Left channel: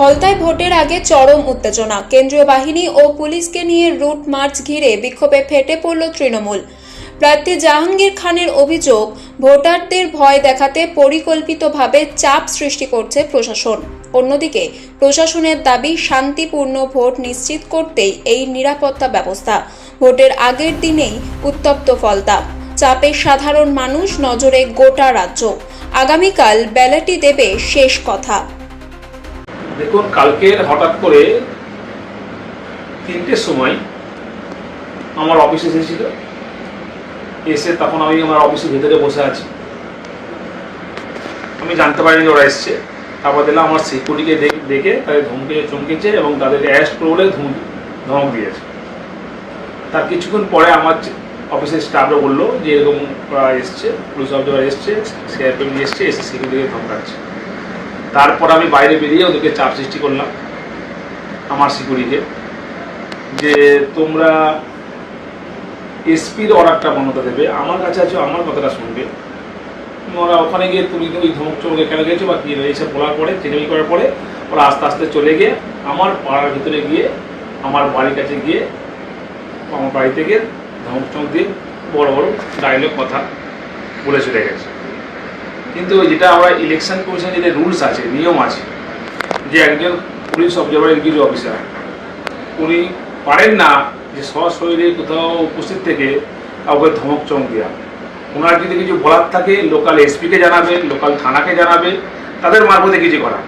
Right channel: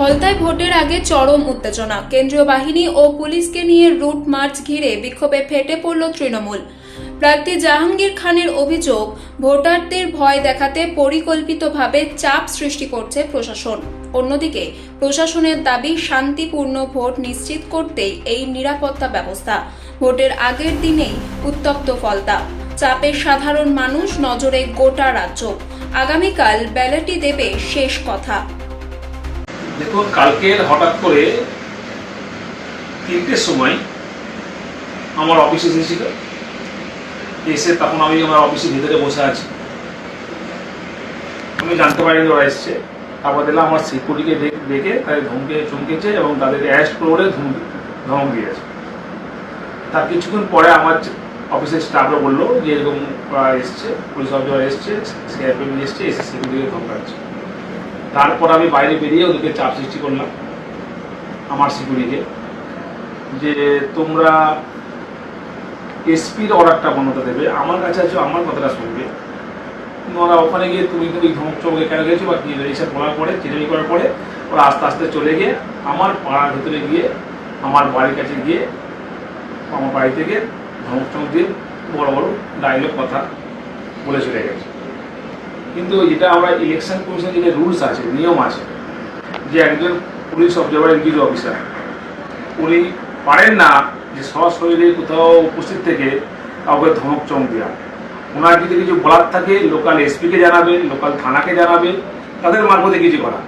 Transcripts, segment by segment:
ফলতায় ভোটের আগে চরম উত্তেজনা। কেন্দ্রীয় বাহিনী ও পুলিশকে নিয়ে রুট মার্চ ঘিরে বিক্ষোভে ফেটে পড়ল তৃণমূল। প্রার্থী জাহাঙ্গীর খানের অভিযোগ, ভোটারদের ভয় দেখাতে পরিকল্পিতভাবে চাপ সৃষ্টি করছে প্রশাসন। অন্যদিকে প্রশাসনের দাবি, শান্তিপূর্ণ ভোট নিশ্চিত করতেই এই নিরাপত্তা ব্যবস্থা। ভোটের আগের দিনেই উত্তপ্ত ফলতা, চাপে সাধারণ মানুষ, নজরে গোটা রাজ্য। আগামীকাল ব্যালটই দেবে শেষ কথা। দেখুন, কালকে হঠাৎ করে 3টের সময় আমার অফিসে এসেছিল। এসে তখন আমি আমার অফিসের ভিতরে বসে আছি, আমি জানতে পারিনি ওরা এসছে। তারপর দেখলাম আমার সিকিউরিটিকে দেখে তাদের চমকেছে এবং তাদেরকে অ্যারেস্ট করে বলে ধমক দিয়েছে। তার কিছুক্ষণ পরে আমার অফিসের স্টাফরা বললো যে এরকম এসছে, পুলিশ অফিসার এসছে, সিআরপিএফ এসছে, এসে সিকিউরিটিকে ধমকাচ্ছে। তারপর আমি বাইরে বেরিয়ে ওদেরকে চাপ সৃষ্টি করলাম, আমার সিকিউরিটিকে, যে তোমরা এসপির অর্ডারটা বন্ধটা দেবে, আমার কাছে আছো, আমার কথাটা শুনবে। ওরা ওখানে গিয়ে তুমি ওই ধমক চমকে কেন গিয়েছো বা কী এইসব বলার পরে, চেনামি করার পরে ওরা আস্তে আস্তে চলে গিয়ে আমার পাড়ার ভিতরে গিয়ে, আমার বাড়ির কাছে গিয়ে, আমার বাড়ি থেকে ধমক চমক দিয়ে বড় বড় ডায়লগ কথা বলে চলে গেছে। কিন্তু যেটা আমরা ইলেকশন কমিশনের যেটা রুলস আছে, নিয়ম আছে, যে একজন পুলিশ অবজারভার এক্সিকিউটিভ অফিসার উনি পারেন না যে সশরীরে কোথাও উপস্থিত থেকে কাউকে ধমক চমক দেওয়া। ওনার যদি কিছু বলার থাকে লোকাল এসপিকে জানাবে, লোকাল থানাকে জানাবে, তাদের মারফতে কিছু করা।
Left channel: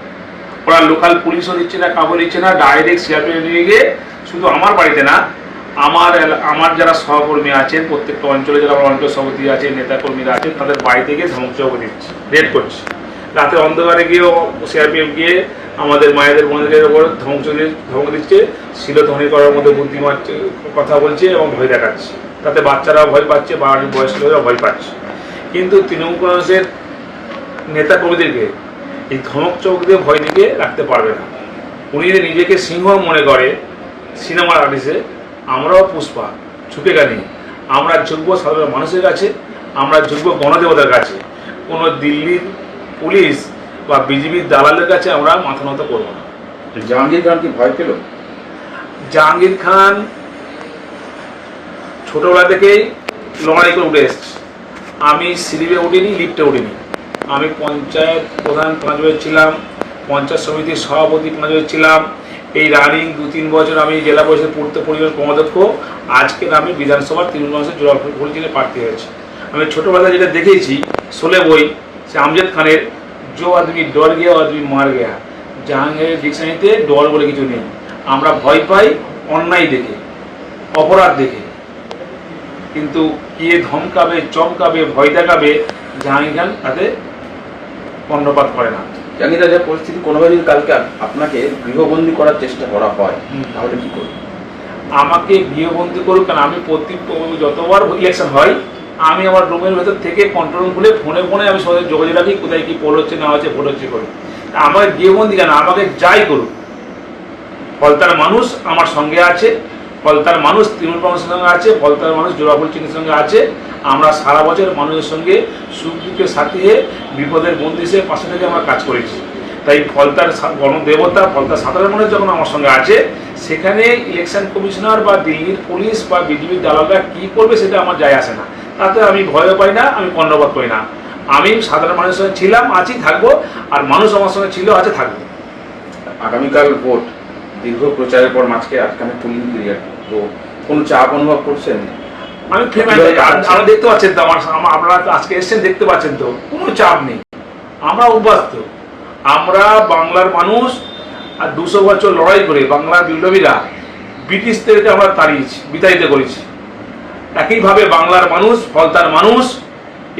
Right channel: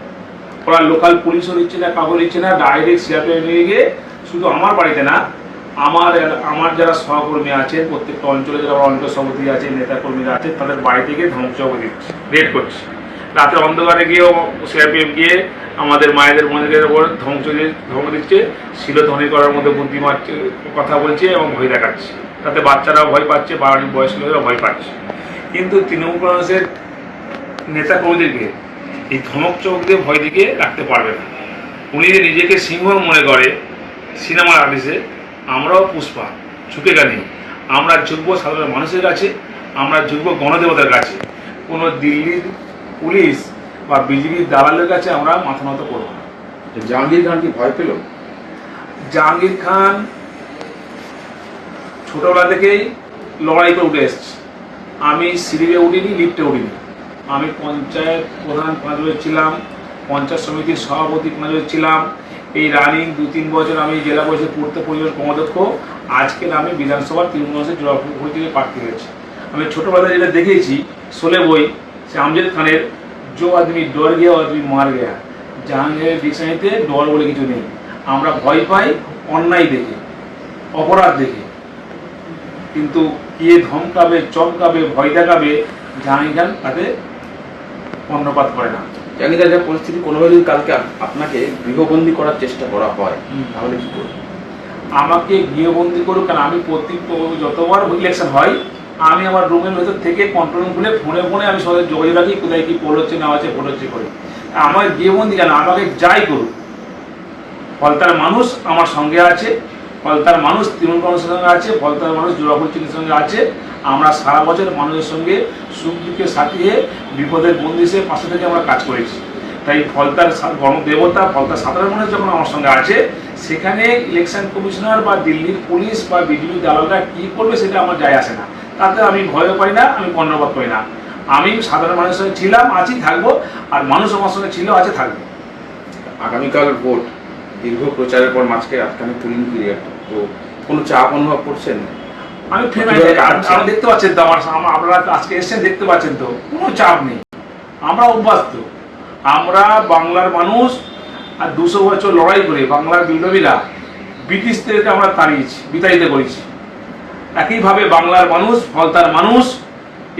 ওরা লোকাল পুলিশও নিচ্ছে না, কাউকে নিচ্ছে না, ডাইরেক্ট সিআরপিএফ নিয়ে গিয়ে শুধু আমার বাড়িতে না, আমার যারা সহকর্মী আছেন, প্রত্যেকটা অঞ্চলে যারা অঞ্চল সভাপতি আছে, নেতাকর্মীরা আছেন, তাদের বাড়ি থেকে ধমক চমক দিচ্ছে, রেড করছে। রাতে অন্ধকারে গিয়েও সিআরপিএফ গিয়ে আমাদের মায়েদের বোনদের উপর ধমক দিচ্ছে, শিলধ্বনি করার মধ্যে বুদ্ধি মারছে, কথা বলছে এবং ভয় দেখাচ্ছে। তাতে বাচ্চারাও ভয় পাচ্ছে, বাড়ির বয়স্ক লোকেরা ভয় পাচ্ছে। কিন্তু তৃণমূল কংগ্রেসের নেতাকর্মীদেরকে এই ধমক চমক দিয়ে ভয় দিকে রাখতে পারবে না। উনি নিজেকে সিংহ মনে করে সিনেমার আর্টিস্টে, আমরাও পুষ্পা, ঝুঁকে গেলি। আমরা ঝুঁকবো সাধারণ মানুষের কাছে, আমরা ঝুঁকবো গণদেবতার কাছে। কোনো দিল্লির পুলিশ বা বিজেপির দালালের কাছে আমরা মাথা নত করবো না। জাহাঙ্গীর খান কি ভয় পেল? জাহাঙ্গীর খান ছোটবেলা থেকেই লড়াই করে উঠে এসছে। আমি সিঁড়িতে উঠিনি, লিফটে উঠিনি। আমি পঞ্চায়েত প্রধান 5 বছর ছিলাম, পঞ্চায়েত সমিতির সভাপতি 5 বছর ছিলাম। এই রানিং 2-3 বছর আমি জেলা পরিষদের পূর্ত পরিবেশ কর্মাধ্যক্ষ। আজকের আমি বিধানসভার তৃণমূল কংগ্রেসের জোড়াফুল থেকে প্রার্থী হয়েছি। আমি ছোটোবেলায় যেটা দেখেছি, শোলে বই, সে আমজাদ খানের জো আদমি ডর গিয়া আদমি মার গিয়া। জাহাঙ্গীরের ডিকশনারিতে ডর বলে কিছু নেই। আমরা ভয় পাই অন্যায় দেখে, অপরাধ দেখে, কিন্তু কে ধমকাবে, চমকাবে, ভয় দেখাবে, জাহাঙ্গীর খান তাতে কর্ণপাত করে না। জাহাঙ্গীর যা পরিস্থিতি, কোনোভাবে যদি কালকে আপনাকে গৃহবন্দী করার চেষ্টা করা হয় তাহলে কি করবে? আমাকে গৃহবন্দী করুক, কারণ আমি যতবার ইলেকশন হয় আমি আমার রুমের ভেতর থেকে কন্ট্রোল রুম খুলে ফোনে আমি সবাই যোগাযোগ রাখি, কোথায় কি পোল হচ্ছে না হচ্ছে, ভোট হচ্ছে করে। আমাকে গৃহবন্দী কেন, আমাকে যাই করুক, ফলতার মানুষ আমার সঙ্গে আছে, ফলতার মানুষ তৃণমূল কংগ্রেসের সঙ্গে আছে, ফলতার মানুষ জোড়াফুল চিহ্নের সঙ্গে আছে। আমরা সারা বছর মানুষের সঙ্গে সুখ দুঃখের সাথী হয়ে, বিপদের বন্ধু হিসেবে পাশে থেকে আমরা কাজ করেছি। তাই ফলতার গণদেবতা, ফলতার সাধারণ মানুষ যখন আমার সঙ্গে আছে, সেখানে ইলেকশন কমিশনার বা দিল্লির পুলিশ বা বিজেপির দালালরা কী করবে সেটা আমার যায় আসে না। তাতে আমি ভয় পাই না, আমি কর্ণপাত করি না। আমি সাধারণ মানুষের সঙ্গে ছিলাম, আছি, থাকবো, আর মানুষ আমার সঙ্গে ছিল, আছে, থাকবে। আগামীকাল ভোট, দীর্ঘ প্রচারের পর আজকে পুলিং পিরিয়ড, তো কোনো চাপ অনুভব করছেন? আমি আপনারা দেখতে পাচ্ছেন তো, আপনারা আজকে এসছেন, দেখতে পাচ্ছেন তো, কোনো চাপ নেই। আমরা অভ্যস্ত, আমরা বাংলার মানুষ, আর 200 বছর লড়াই করে বাংলার বিপ্লবীরা ব্রিটিশদেরকে আমরা তাড়িয়েছি, বিতাড়িত করেছি। একইভাবে বাংলার মানুষ, ফলতার মানুষ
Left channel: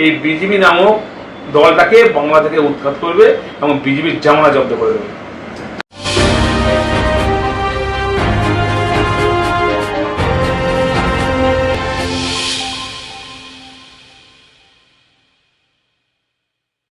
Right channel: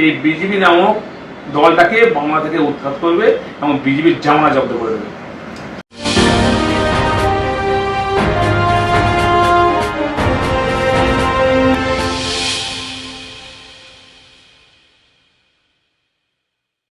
এই বিজেপি নামক দলটাকে বাংলা থেকে উৎখাত করবে এবং বিজেপির জামানা জব্দ করে দেবে।